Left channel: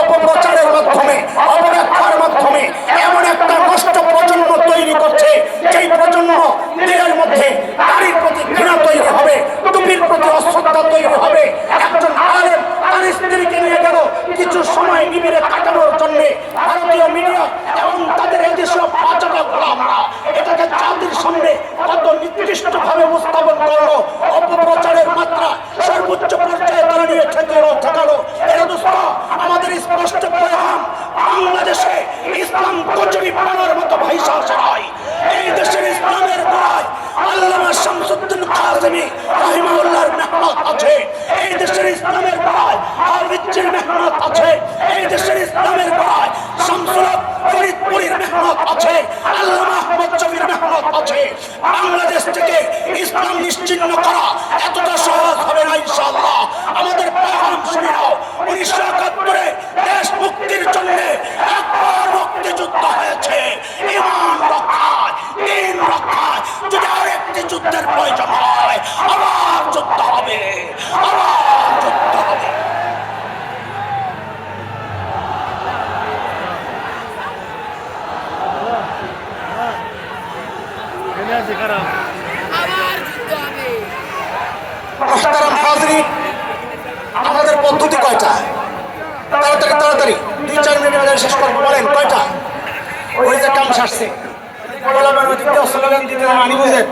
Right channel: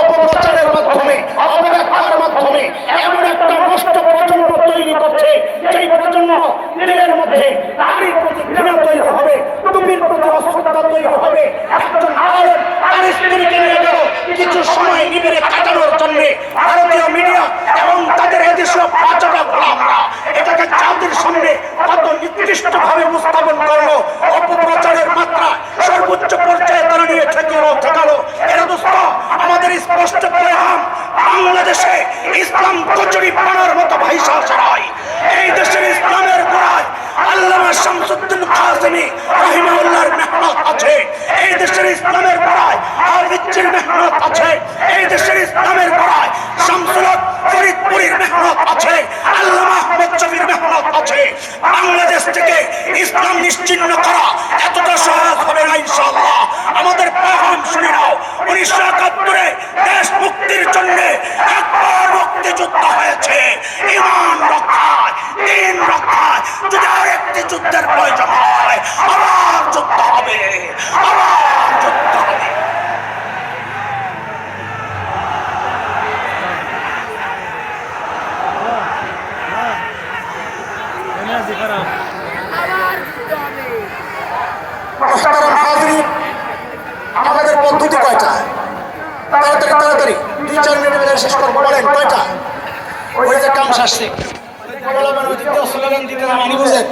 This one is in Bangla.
অপপ্রচারের মাধ্যমে, অপব্যাখ্যার মাধ্যমে এমন একটা নষ্ট প্রজন্ম তৈরি করছে, যেই প্রজন্ম দিনের মধ্যে নারীর প্রতি ঘৃণা তৈরি হবে, টুপির প্রতি অশ্রদ্ধা তৈরি হবে। একজন আলেম তার স্ত্রীকে নিয়ে গেল কিছু সময় নিবিড়ে কাটানোর জন্য ভারতীয় মিডিয়া এবং তাদের এদেশীয় পাঁচটা গোলামরা এটাকে জাতির সামনে কত নিকৃষ্টভাবে উপস্থাপন করল অপপ্রচারের মাত্রা সর্বোচ্চ পর্যায়ে তারা নিয়ে দোস্ত আমাদের স্পষ্ট পয়গাম। বাংলাদেশে ইসলাম কচুরি পানার মতো ভাইসা নাই এই দেশের ইসলামের গোড়ায় আল্লামা শামসুদ্দিন কাসিমি রাহিমাউল্লাহর মেহনত আছে। এই দেশের ইসলামের গোড়ায় হাফিজির মেহনত আছে। এই দেশের ইসলামের গোড়ায় শামসুলত ফরিদপুরের মেহনত আছে। আল্লামা আহমদ শফির মেহনত আছে। বাংলাদেশ থেকে ইসলাম নিশ্চিন্ন করা দিন রক্ষায় যদি আরেকটি যুদ্ধের প্রয়োজন হয় আবার যুদ্ধ হবে আবার যুদ্ধ হবে। আমাদের পদ্ধতি কয়টা? তাড়াতাড়ি তাড়াতাড়ি। দুই চার মিনিট শেষ করব বলেন কয়টা? ওই যে কাম শাসছে স্লোগান দিতে আনি বুঝেন